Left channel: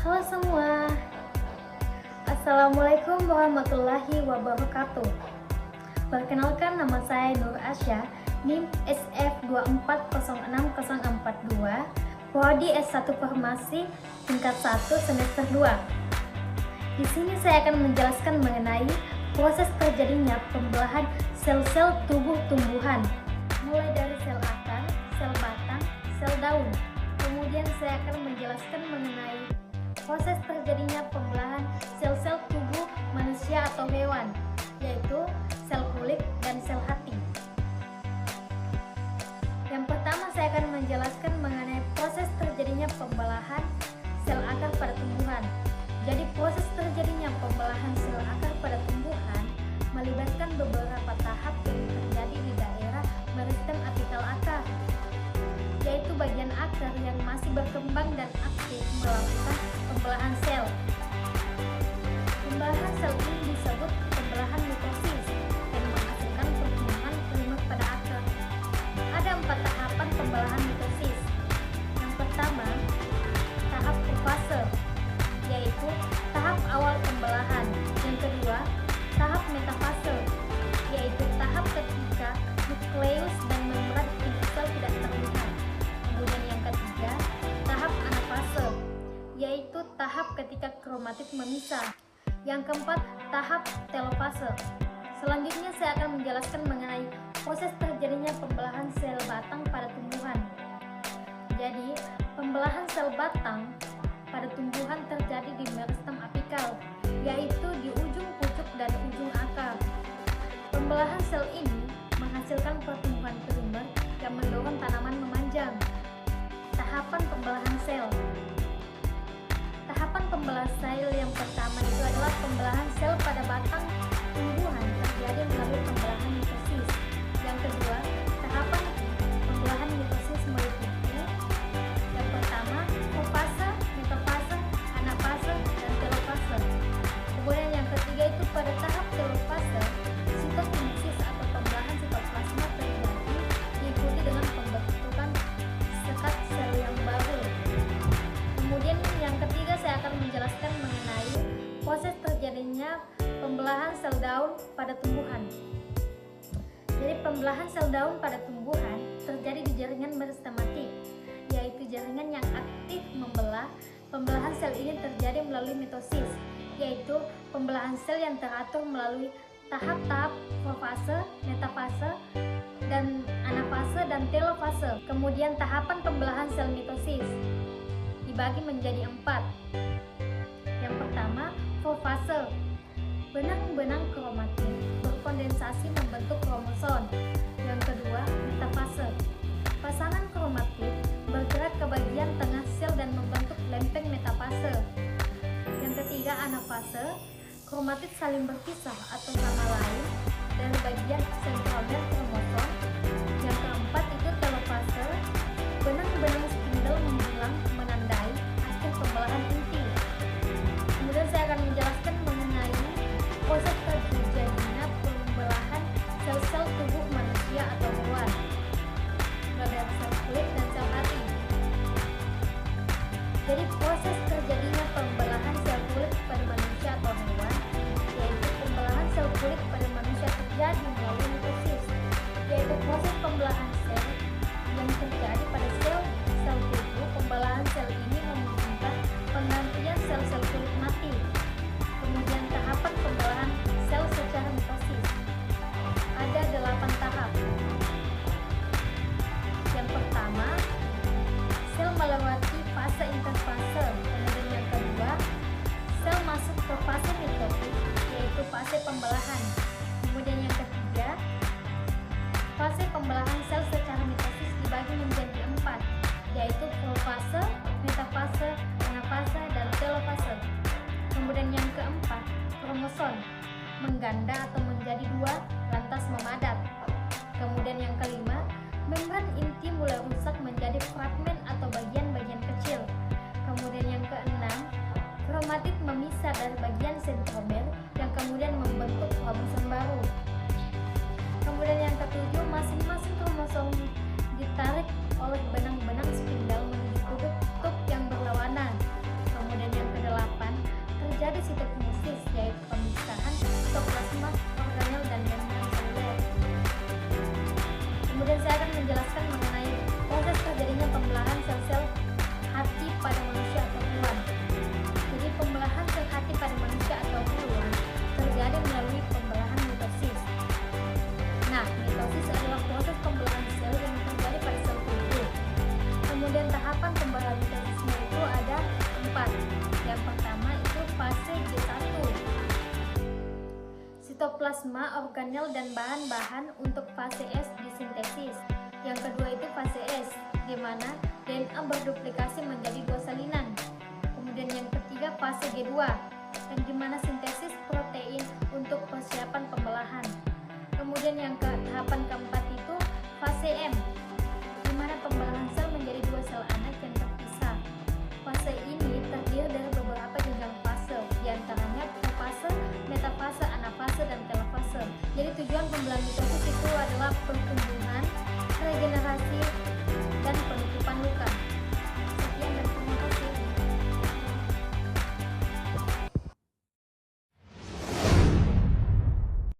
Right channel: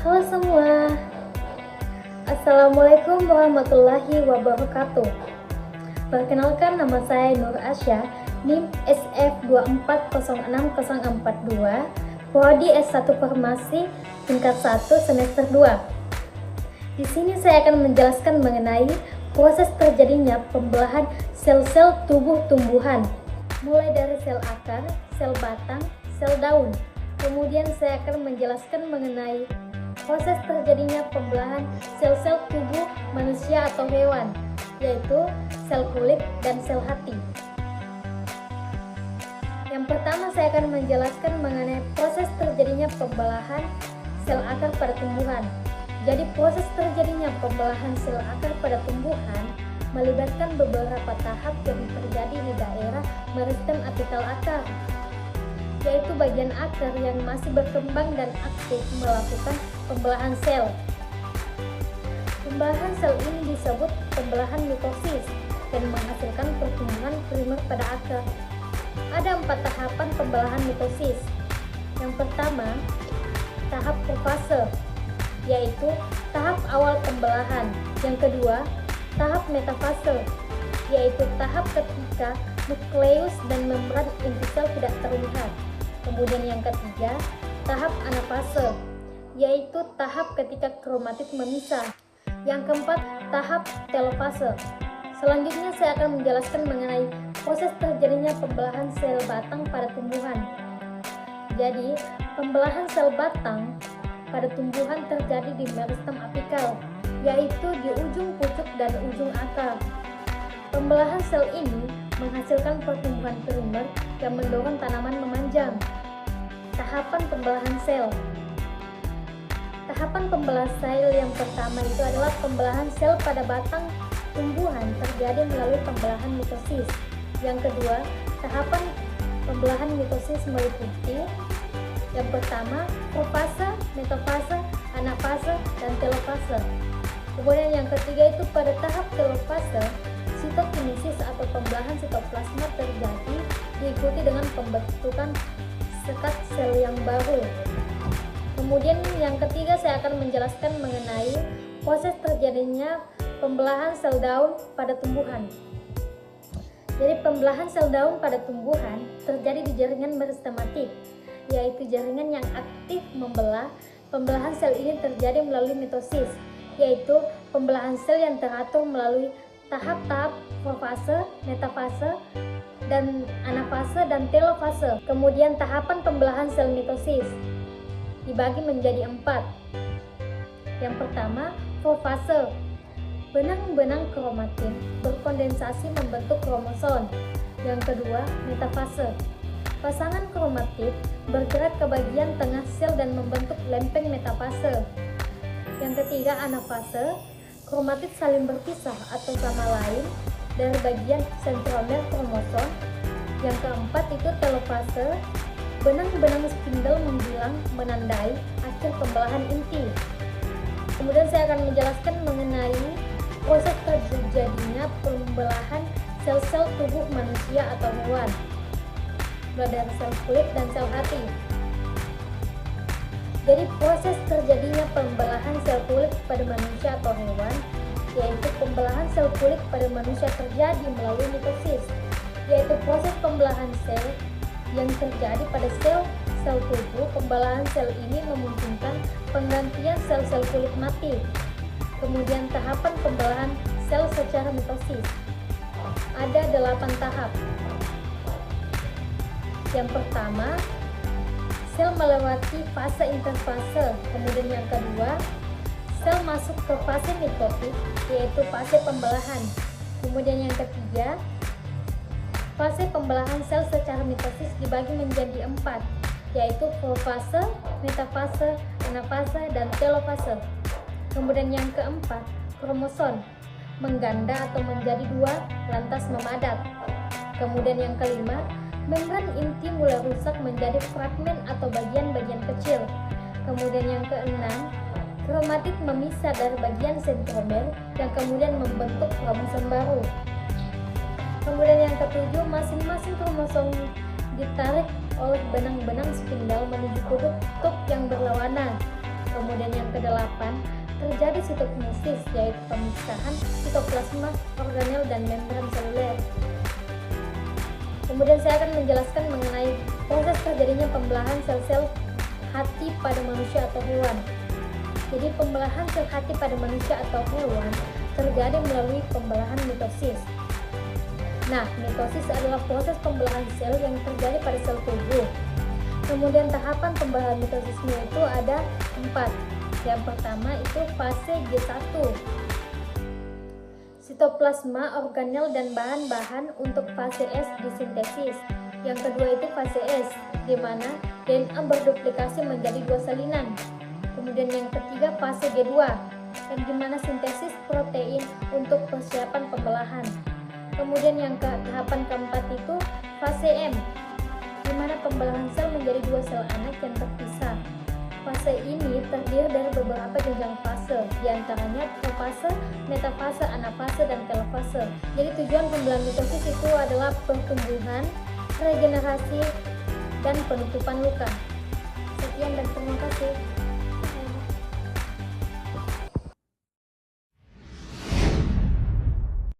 Halo semua, Assalamualaikum warahmatullahi wabarakatuh. Perkenalkan, nama saya Nur Asya, NIM SF2406042, Prodi S1 Farmasi tingkat 1 semester 2. Di sini saya akan menjelaskan mengenai proses terjadinya pembelahan sel-sel tubuh tumbuhan, mulai dari sel akar, sel batang, sel daun. Kemudian saya akan menjelaskan mengenai proses terjadinya pembelahan sel-sel tubuh manusia atau hewan, yaitu sel kulit dan sel hati. Yang pertama saya akan menjelaskan mengenai proses terjadinya pembelahan sel akar pada tumbuhan. Jadi proses terjadinya pembelahan sel akar pada tumbuhan melibatkan beberapa tahap yang terjadi di daerah meristem apikal akar, yaitu bagian akar yang masih berkembang dan aktif melakukan pembelahan sel. Pembelahan sel ini disebut pembelahan mitosis dan menghasilkan pertumbuhan primer pada akar. Ada 4 tahapan pembelahan mitosis. Yang pertama, tahap profase, yaitu tahap awal pembelahan. Yang kedua, tahap metafase, yaitu tahap ketika nukleus dan membran inti sel tidak terlihat. Kemudian yang ketiga, tahap anafase, yaitu tahap ketika kromatid memisah. Yang keempat, tahap telofase. Selanjutnya saya akan menjelaskan mengenai proses terjadinya pembelahan sel batang pada tumbuhan. Jadi, pembelahan sel batang pada tumbuhan terjadi di meristem apikal, yaitu di ujung pucuk dan ujung akar. Pembelahan sel ini menghasilkan pertumbuhan primer yang mendorong tanaman memanjang. Tahapan pembelahan sel. Tahapan pembelahan sel yang pertama itu adalah pembelahan sel pada batang tumbuhan terjadi melalui pembelahan mitosis. Yang kedua, tahapan pembelahan mitosis meliputi yang pertama, profase, metafase, anafase, dan telofase. Kemudian yang ketiga itu pada tahap telofase, sitokinesis atau pembelahan sitoplasma terjadi diikuti dengan pembentukan sekat sel yang baru. Kemudian yang ketiga saya akan menjelaskan mengenai proses terjadinya pembelahan sel daun pada tumbuhan. Jadi pembelahan sel daun pada tumbuhan terjadi di jaringan meristematik, yaitu jaringan yang aktif membelah. Pembelahan sel ini terjadi melalui mitosis, yaitu pembelahan sel yang teratur melalui tahap-tahap profase, metafase, dan anafase dan telofase. Kemudian tahapan pembelahan sel mitosis dibagi menjadi 4. Yang pertama, profase. Benang-benang kromatin berkondensasi membentuk kromosom. Yang kedua, metafase. Pasangan kromatid bergerak ke bagian tengah sel dan membentuk lempeng metafase. Yang ketiga, anafase. Kromatid saling berpisah atau sama lain dari bagian sentromer kromosom. Yang keempat itu telofase. Benang-benang spindel menghilang menandai hasil pembelahan inti. Kemudian saya akan menjelaskan mengenai proses terjadinya pembelahan sel-sel tubuh manusia atau hewan, mulai dari sel kulit dan sel hati. Jadi proses terjadinya pembelahan sel kulit pada manusia atau hewan, yaitu pembelahan sel kulit pada manusia terjadi melalui mitosis, yaitu proses pembelahan sel yang terjadi pada sel tubuh. Pembelahan sel ini memungkinkan penggantian sel-sel kulit mati. Kemudian tahapan pembelahan sel secara mitosis. Ada 8 tahap. Yang pertama, sel melewati fase interfase. Kemudian yang kedua, sel masuk ke fase mitosis, yaitu fase pembelahan. Kemudian yang ketiga, fase pembelahan sel secara mitosis dibagi menjadi 4, yaitu profase, metafase, anafase, dan telofase. Kemudian yang keempat, kromosom mengganda atau menjadi 2 lantas memadat. Kemudian yang kelima, membran inti mulai rusak menjadi fragmen atau bagian-bagian kecil. Kemudian yang keenam, kromatid memisah dari bagian sentromer yang kemudian membentuk kromosom baru. Kemudian yang ketujuh, masing-masing kromosom ditarik oleh benang-benang spindel menuju kutub yang berlawanan. Kemudian yang Kemudian saya akan menjelaskan mengenai proses terjadinya pembelahan sel-sel hati pada manusia atau hewan. Jadi pembelahan sel hati pada manusia atau hewan terjadi melalui pembelahan mitosis. Nah, mitosis adalah proses pembelahan sel yang terjadi pada sel tubuh. Kemudian tahapan pembelahan mitosisnya itu ada 4. Yang pertama itu fase G1, sitoplasma, organel, dan bahan-bahan. Untuk fase S disintesis. Yang kedua itu fase S, di mana DNA berduplikasi menjadi 2 salinan. Kemudian yang ketiga fase G2, dan di mana sintesis protein untuk persiapan pembelahan. Kemudian yang tahapan keempat itu fase M, di mana pembelahan sel menjadi 2 sel anak yang terpisah. Fase ini terdiri dari beberapa jenjang fase, diantaranya profase, metafase, anafase, dan telofase. Jadi tujuan pembelahan mitosis itu adalah pertumbuhan, regenerasi, dan penutupan luka.